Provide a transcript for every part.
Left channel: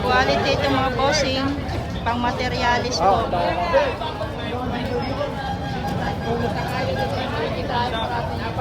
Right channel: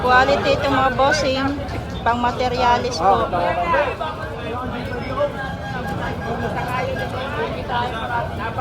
Quality itong mga bossing. Pang materialis po.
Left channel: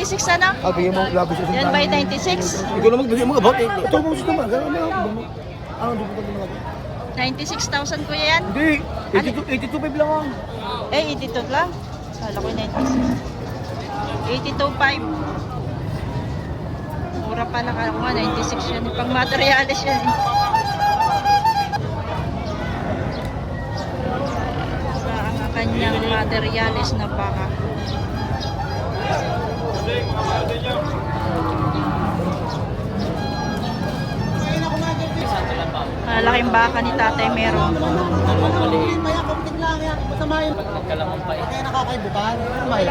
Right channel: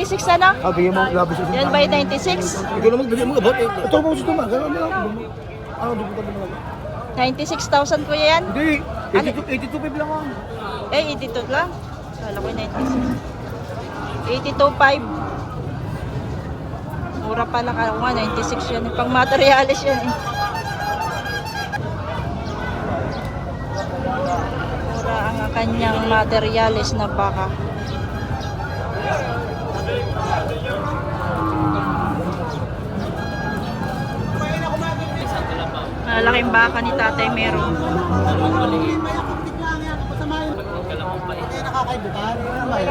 $96 na na? Bigyan mo labis sa Yan ba yung 96? Ikaw naman, bigyan mo about. Ito mo gusto mo. Gano'n mo. Ano, di ko pa 96,000 kuya yan? Hindi. 82.5 lang ang. Eh, 82 lang. Kala ko yung 96. 82.5. Mura pala ka nga, 96 yan. Pang materialis yan eh. Mura ang kanyang materialis na baka. Malaking baka ni Tatay Merong. Maya kontik lang yan. Masama yun. Kaya nakakaibukan. Maya.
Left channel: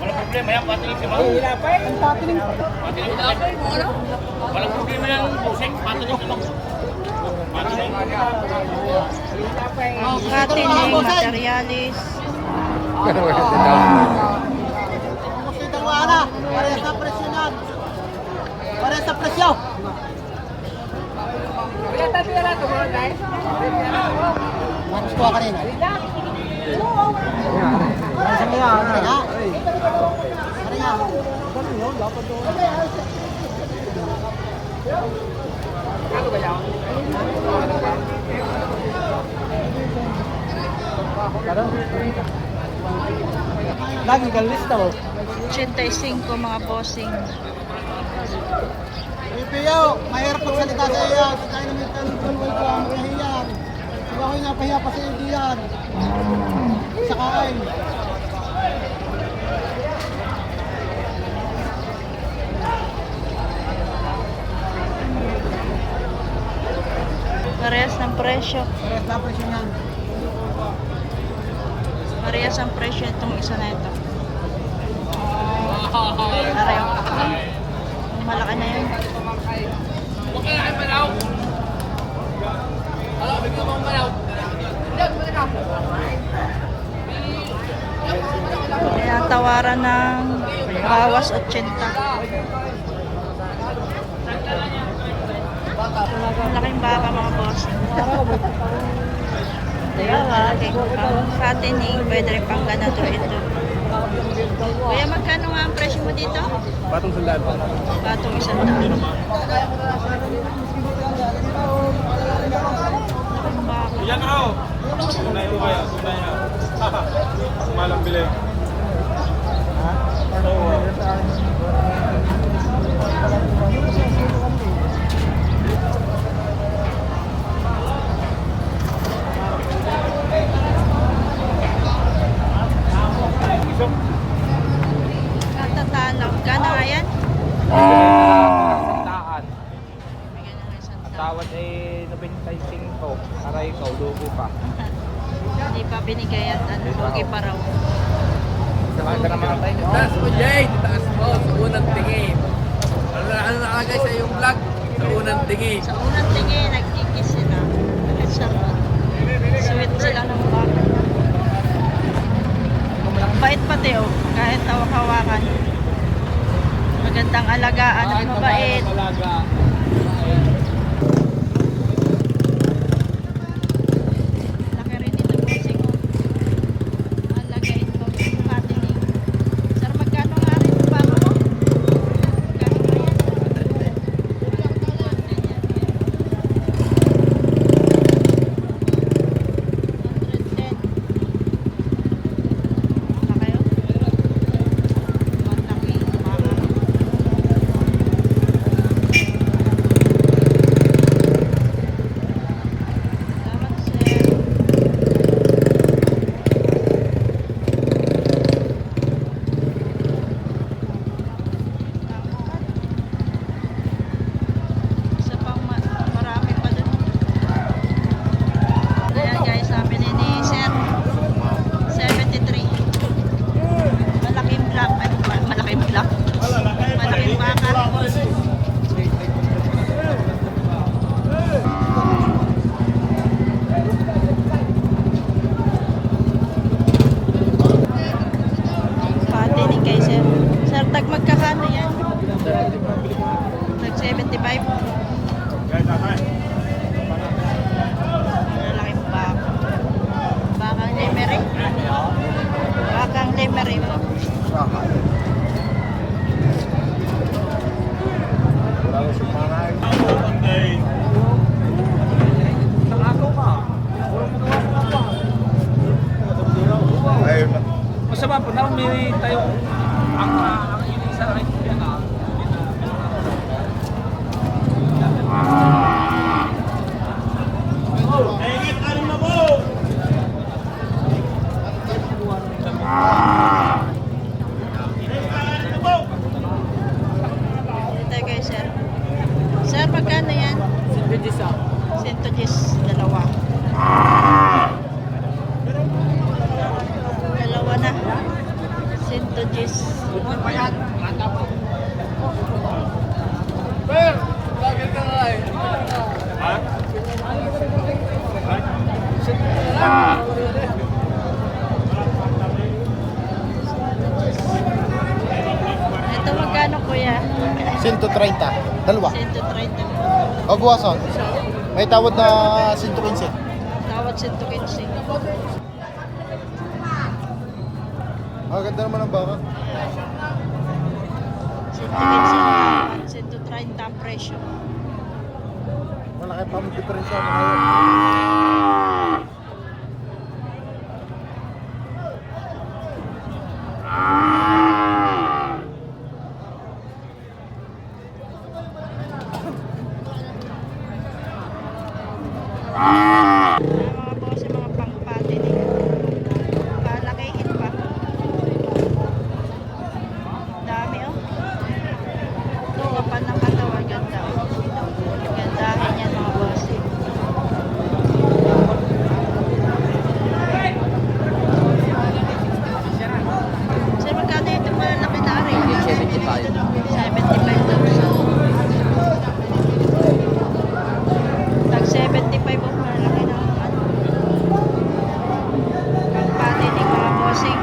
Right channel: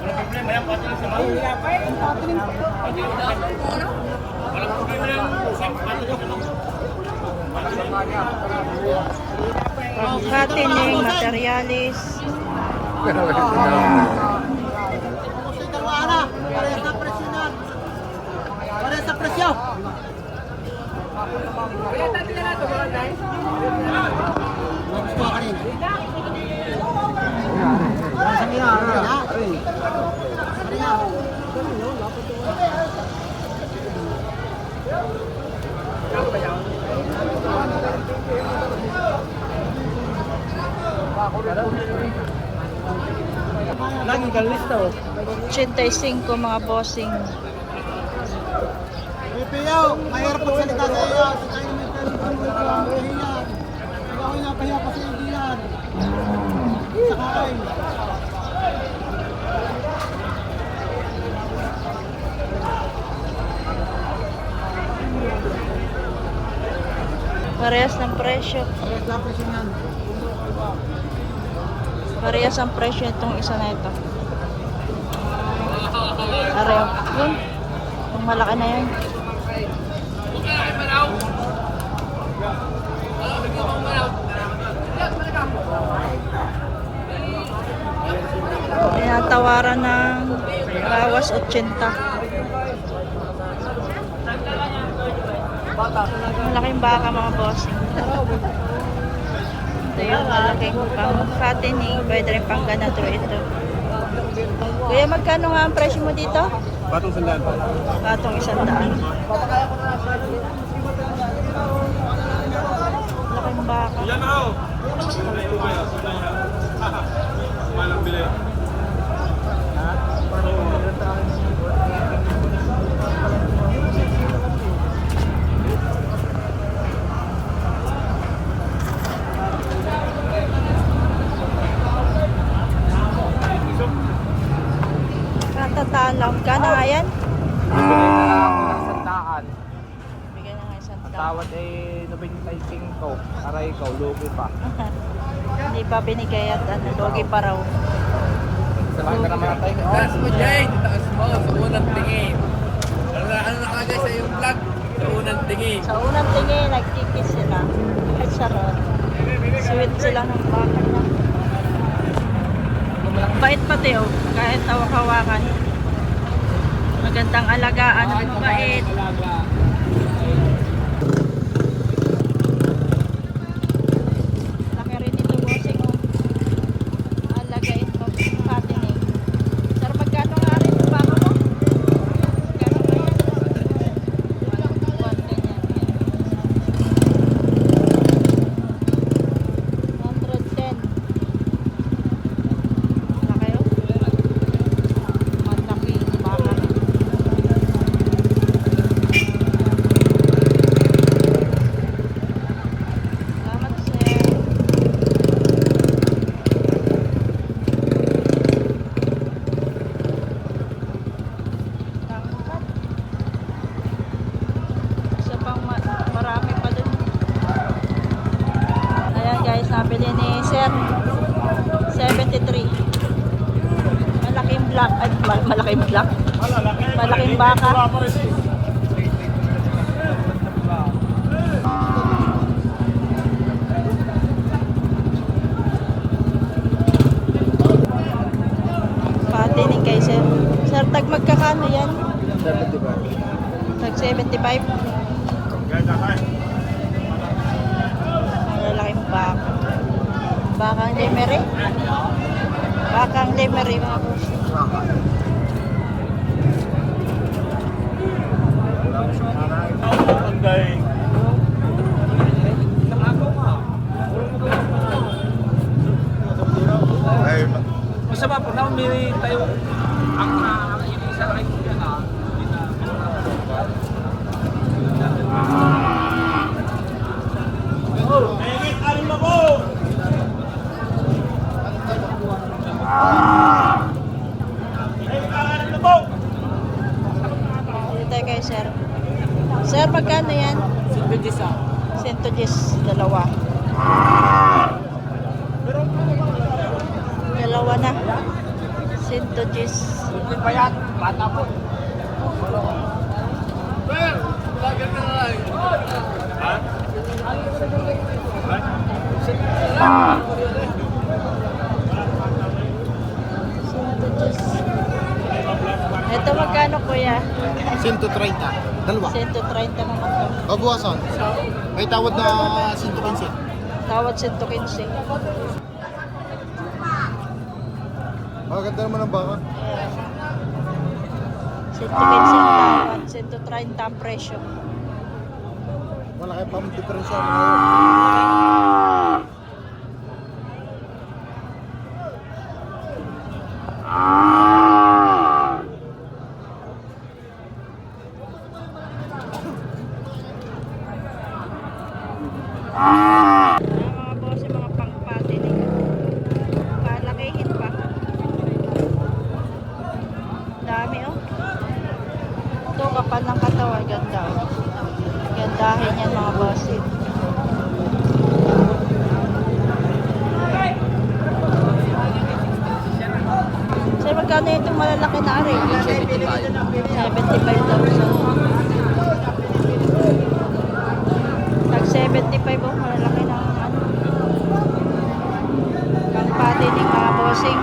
Walang problema yan, pati yung simaw. Walang problema yan, busing, pati yung simaw. Ang katining materialis. Kita mo ana. Pare sa presyo na. Pare sa presyo. Kaya tayo na ito mga guys. Mas kuha kanina. Lagi galis daw. 85 mga bossing. Pipiyaw, mahirap pagsalita sa iyo. Tayo naman tayo ka, mahihiyan. Ako yung napahiya pa sa iyo yan. Sa kain. Parehas ng presyo. Parehas lang presyo yan. Parehas ang presyo itong isa na ito. Pareho. Yun. Itong malaki na yun. Tinatawaran ng bawas 80. Malaking baka mga bossing. Ito yung malaking pang fattening. Pwede rin pang ganito ito. Kuya, magkano nga ang presyo mo dito? Batong sandaan ba? Patong 100. Malaking baka. Yan na ako. Malang bilay. Katatalaw. Gana nga yan? Sandaan. Bigyan na nga isang Tawad ay 95. Aray ko, lugo pa. Hindi pa binigay at ano, logi pa raw. Salamat ka naman tayo. Taas mo, Jay! Taas mo, sa unang tingin. Ano nakalagay sa iyong vlog? Sa unang tingin. Sa unang tingin, nagkikis sila. Charot. Sweet sila ng baka niya. Bait pati oh, kahit hawak-hawakan. Magandang alagaan at mabait. Laki rin ito bossing oh. Alagain mo fattening. Sir, magkano nga rin yung baka mo? Magkano nga yan? 110. Laki oh. Malaki yung baka. Salamat sir. Tangkat. Isa pang marami pa dun. Ayan guys, nabili ni sir 73. Malaking black. Ay, malaking black. Malaking baka. Patining kay sir. Sir, tag magkakano yan? Tag 75. Ang lalaking baka. Bakang lemery. Bakang lemery mga boss. Masama po na may tayo ang isa na kayo yan na Dito tayo kay sir. Sir, magkano yan? 110, dalawa. Dalawa na. 110. Ito magkano kuya? 130. Dalawa. 130 naman to. O buwaso. May tawad na 115. Tawad 115. Maganda naman ang baka. Ayan. 115 ang tawad. 130 ang presyo. Wala kayo pang diferensya. Ayan, mga boss, yung mga pangpati din. Palakihin pa. Dami oh. Ito kapal ng katawan. Ganda oh. Gandahin yan mga boss. Sir, magkano itong malalaki na aray? 75,000. Tag 75 oh, malalaki na ano. Pangpati ng mga bossing.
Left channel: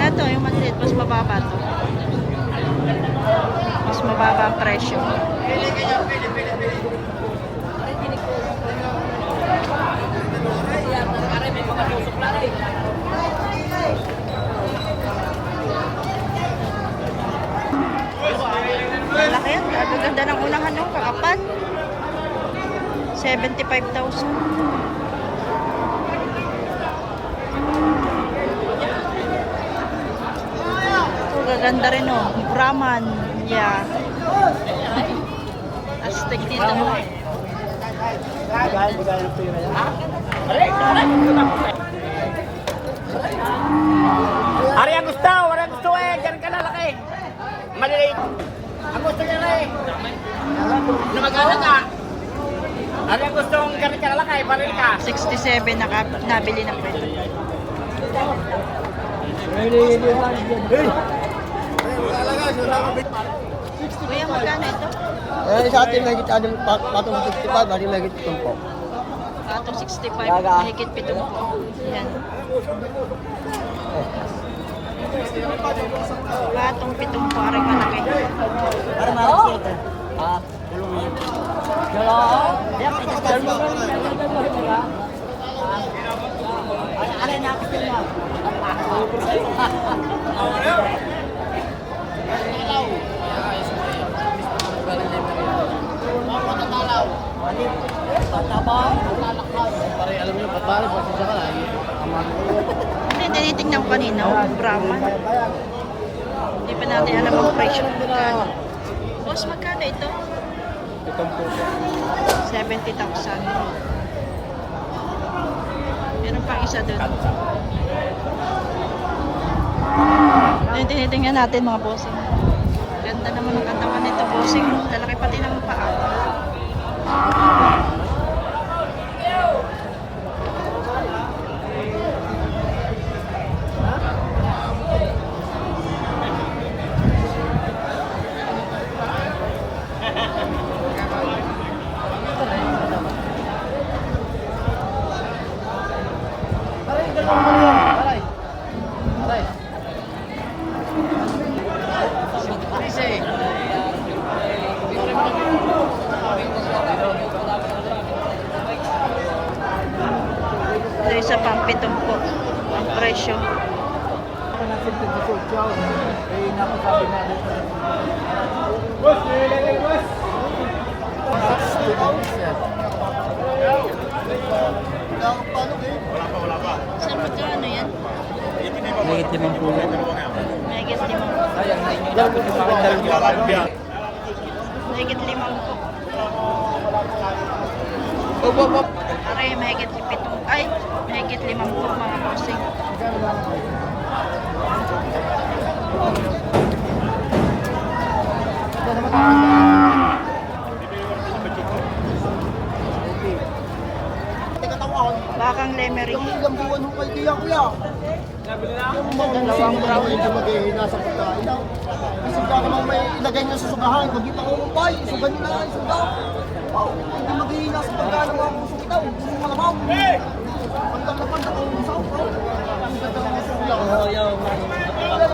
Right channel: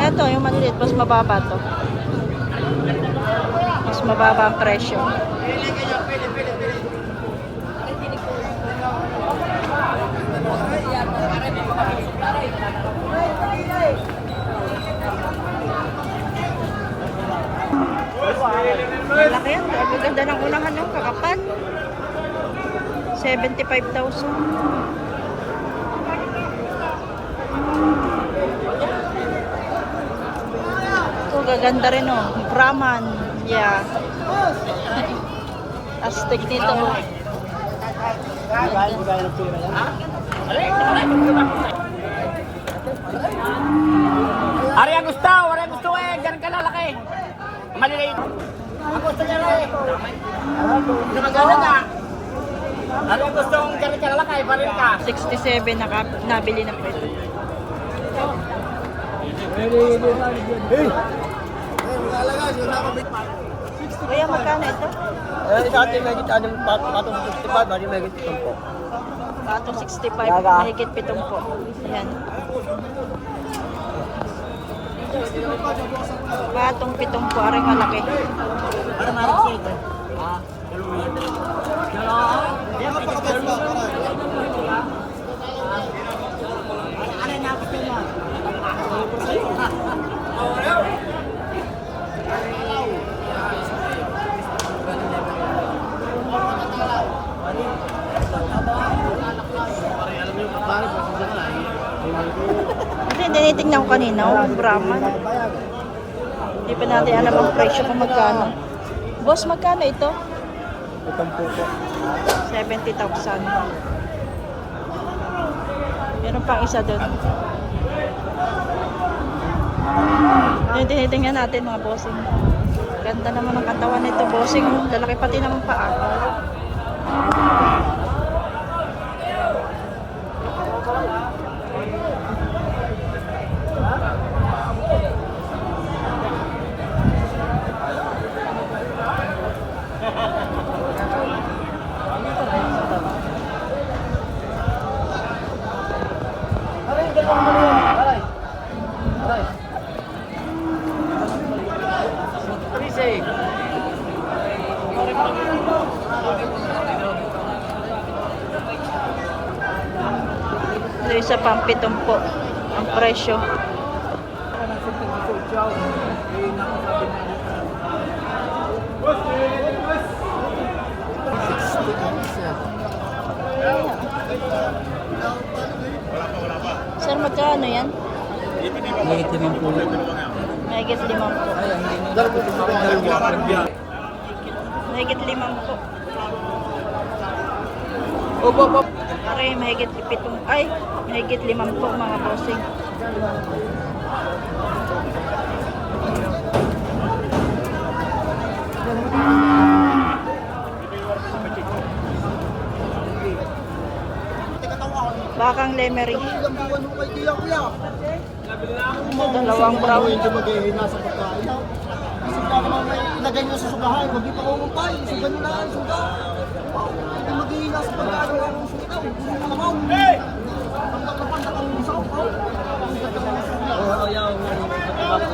Eto, yung maliliit, mas mababa to. Mas mababa ang presyo. Malaki yan. Gaganda ng unahan yung kakapal. 75,000. Oh, gaganda rin oh. Brahman. Yeah. Astig nito oh. Ari ang gusto, wala gusto eh, ganun ka lalaki. Maliliit. Ang gusto niya rin. Lumagana ka. Ari ang gusto ng ganun ka lalaki, baril ka. 67 nabili na po ito. Kuya, magkano ito? Sa atin may kita ng patong 65, hindi may kita po. Patong 65, mahigit 70. Ayan. Patong 70, aring malaki. Para malaki ito. Napakabag ba? Ano na ako sila? Kasi tinitingnan ko kanina, yung Brahman. Hindi pa natin alam ang presyo kung magkano. Boss, magkano ito? 70,000. Meron pang isa doon. Tinitingnan natin mga bossing. Ganda naman ang katawan nito, bossing. Lalaki pati naman paa. isa pang 7 ang presyo. Sir, magkano yan? Mahigit 5 po. Mahigit 5 po. Mahigit 5 po. Opo, opo. Are, mahigit 7. Ay, mahigit 5 po mga bossing. Bakang lemery. Ilang buwan ho kayo kaya kuya? Dalawang brown. Hindi maghihina sa pagkain. Kasi baka naman may ilagay nyo sa sugahan. Huwag yung pangungumpay. Sugan nyo na ang suga. Hindi maghihina sa pagkain ng mga usong itaw. Usong malamang. Pandak na pandak ang usong. Ang ganda ng usong lang.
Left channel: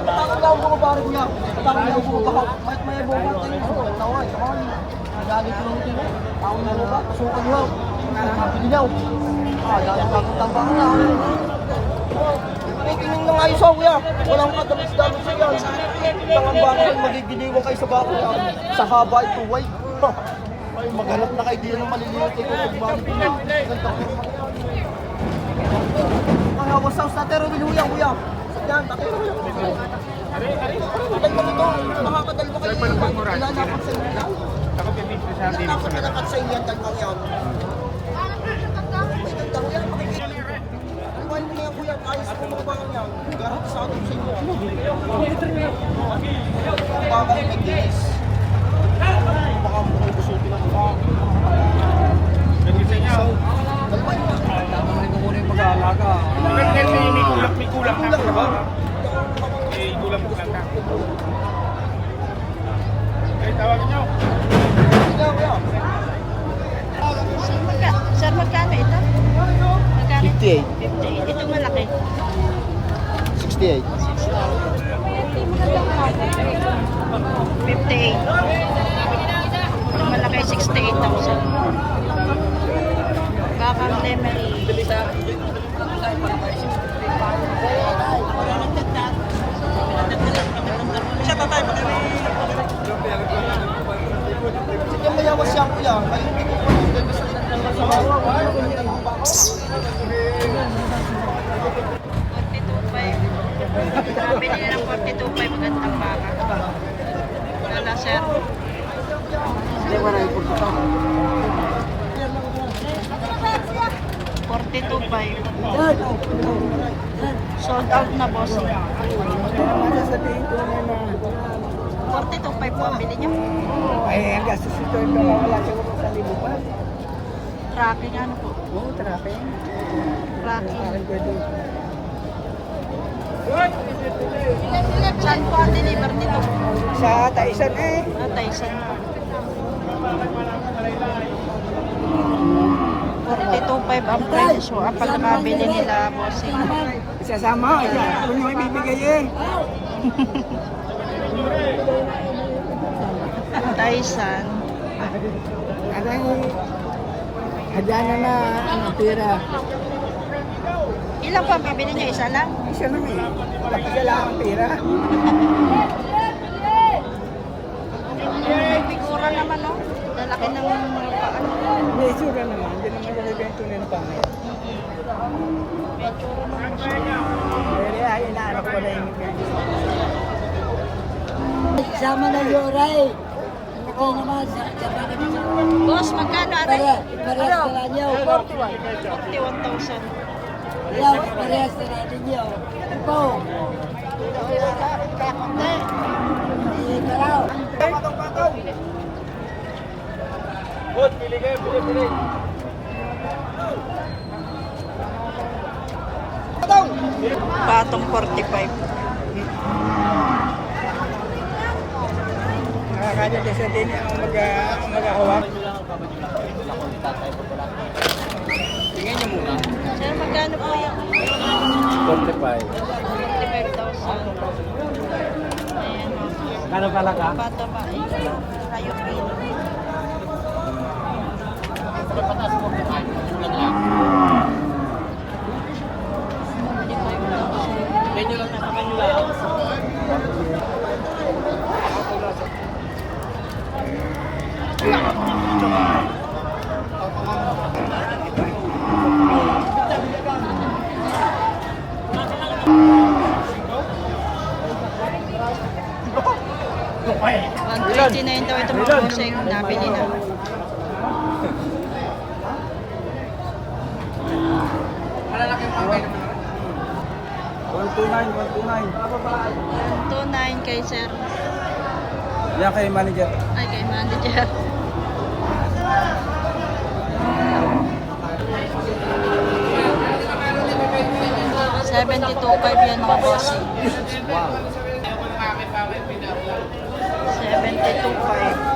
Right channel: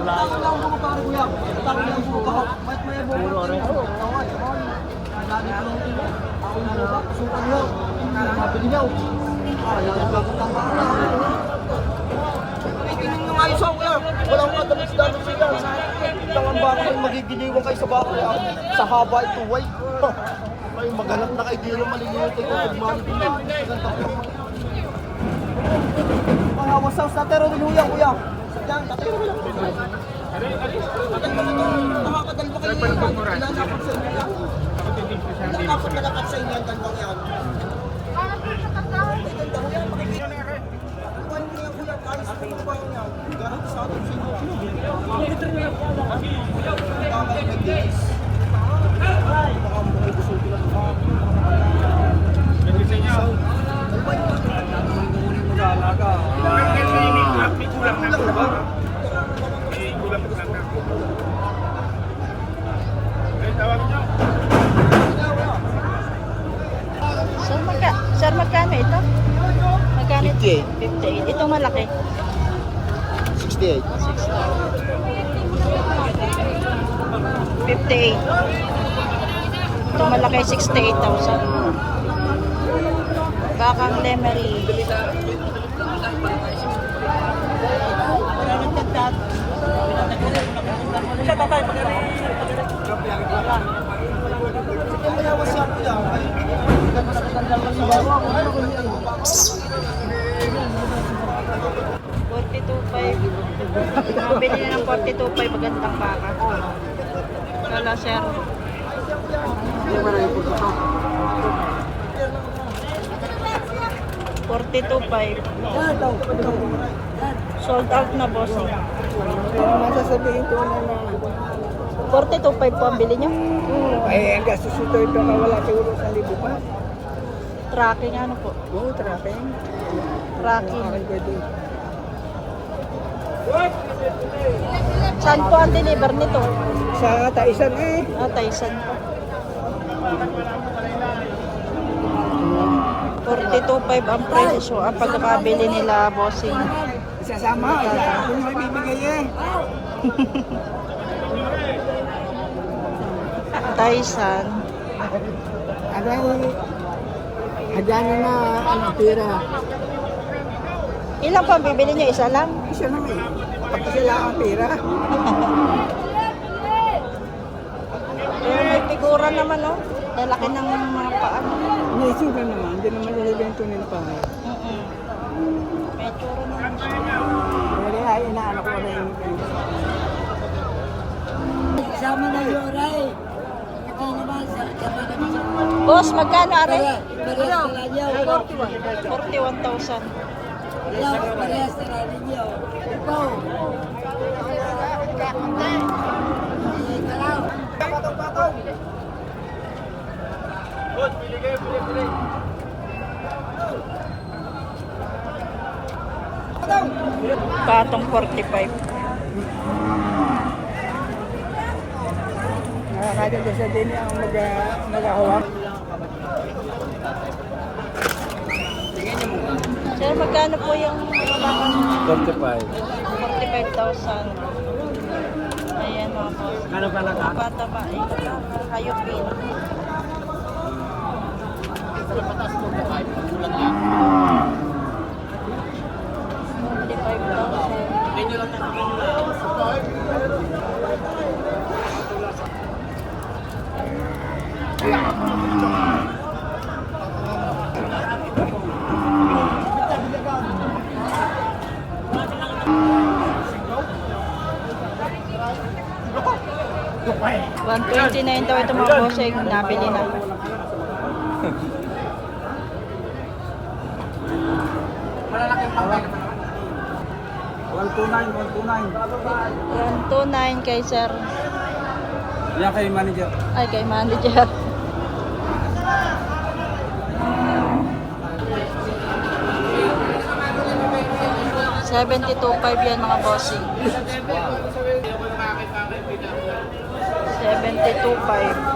Takang lang bumabari kuya. Takang lang bumabahak. Kahit may bumabari tayo. Taway. Sabay. Lagi ko lang ito. Ako na ba? Pasukan nyo. Sabi niyo. Yung pagkutambaan na. Tingin mo nga isa kuya. Walang matamis-damis sa yan. Ang baka nagigiliwan kayo sa bako. Sa haba ito, white. Ay, maghanap na kayo. Di na maliliit ito. Pagmali ko na. Maganda ko naman. Mga wasaw sa tatero binuyan kuya. Yan, tatero binuyan. Tatay mo ito. Nakakadal ba kayo? Ilalapat sa inyo yan. Ilalapat sa inyo yan. Dalawang yan. Ganda kuya, makikita. Iwan mo na yan kuya, ayos mo mga parang yan. Gahit sa atin sa inyo. Ang baka yung nag-dinis. Baka mo kayo gusutin ang mukha. Nag-dinis niya. Kalman mo. Kalman mo muna yung mag-aalaga. May kulang na ba? May kulang mo lang na. Ay, tawagin niyo. Sir, magkano ito? Magkano? 58. 58. Ito malaki. 68. 58. Ito malaki, 68,000. Bakang lemery. Siya tatay, sige, mayawas siya kuya. Kayo hindi ko pwede sa bawa. 42.5. Nabili na ng 42.5 magandang baka. Wala, sir. Hindi mo na yung pagkita. 42.5. Sold out na, bossing. 42.5 po ang bili nyo? Eh, ang gastos ito wala siguro sa libo pa. Tracking ano po? Oo, tracking. Tracking. Saan po ang deliver nito? Sa Taisan eh. Taisan pa. 42.5 ang presyo ang pagkakabili nila, bossing. Isasama, kung yung ibibigay eh. Taisan. Ano yung hadyana na pera. Ilan po ang bibili nyo? Isa lang? Isa naman eh. Tapos sila ang pera. Pero may figura naman, no? Lalaki ng mga paan. May itsura naman. Hindi naman talaga yung tunay na pangit. May tsura naman siya. Pero ay, inaano ko na yung Sama na yung oray. Ito naman, Boss, magkano are? parehas na niyo. 41,000. Parehas na natin niyo. Ito. Patong 45. Nakakadya din sa din ang mag-ahawak. Sir, magkano po yung 45. 45,000? Ayan o. Kano ka lang Bata ba? Hayupin. 129 daw ito mga bossing. Nabili na. Malalaking pangkay na 129 kay sir. Yan kay manager. Ay, kay manager. $72.5 yan mga bossing. 72.5.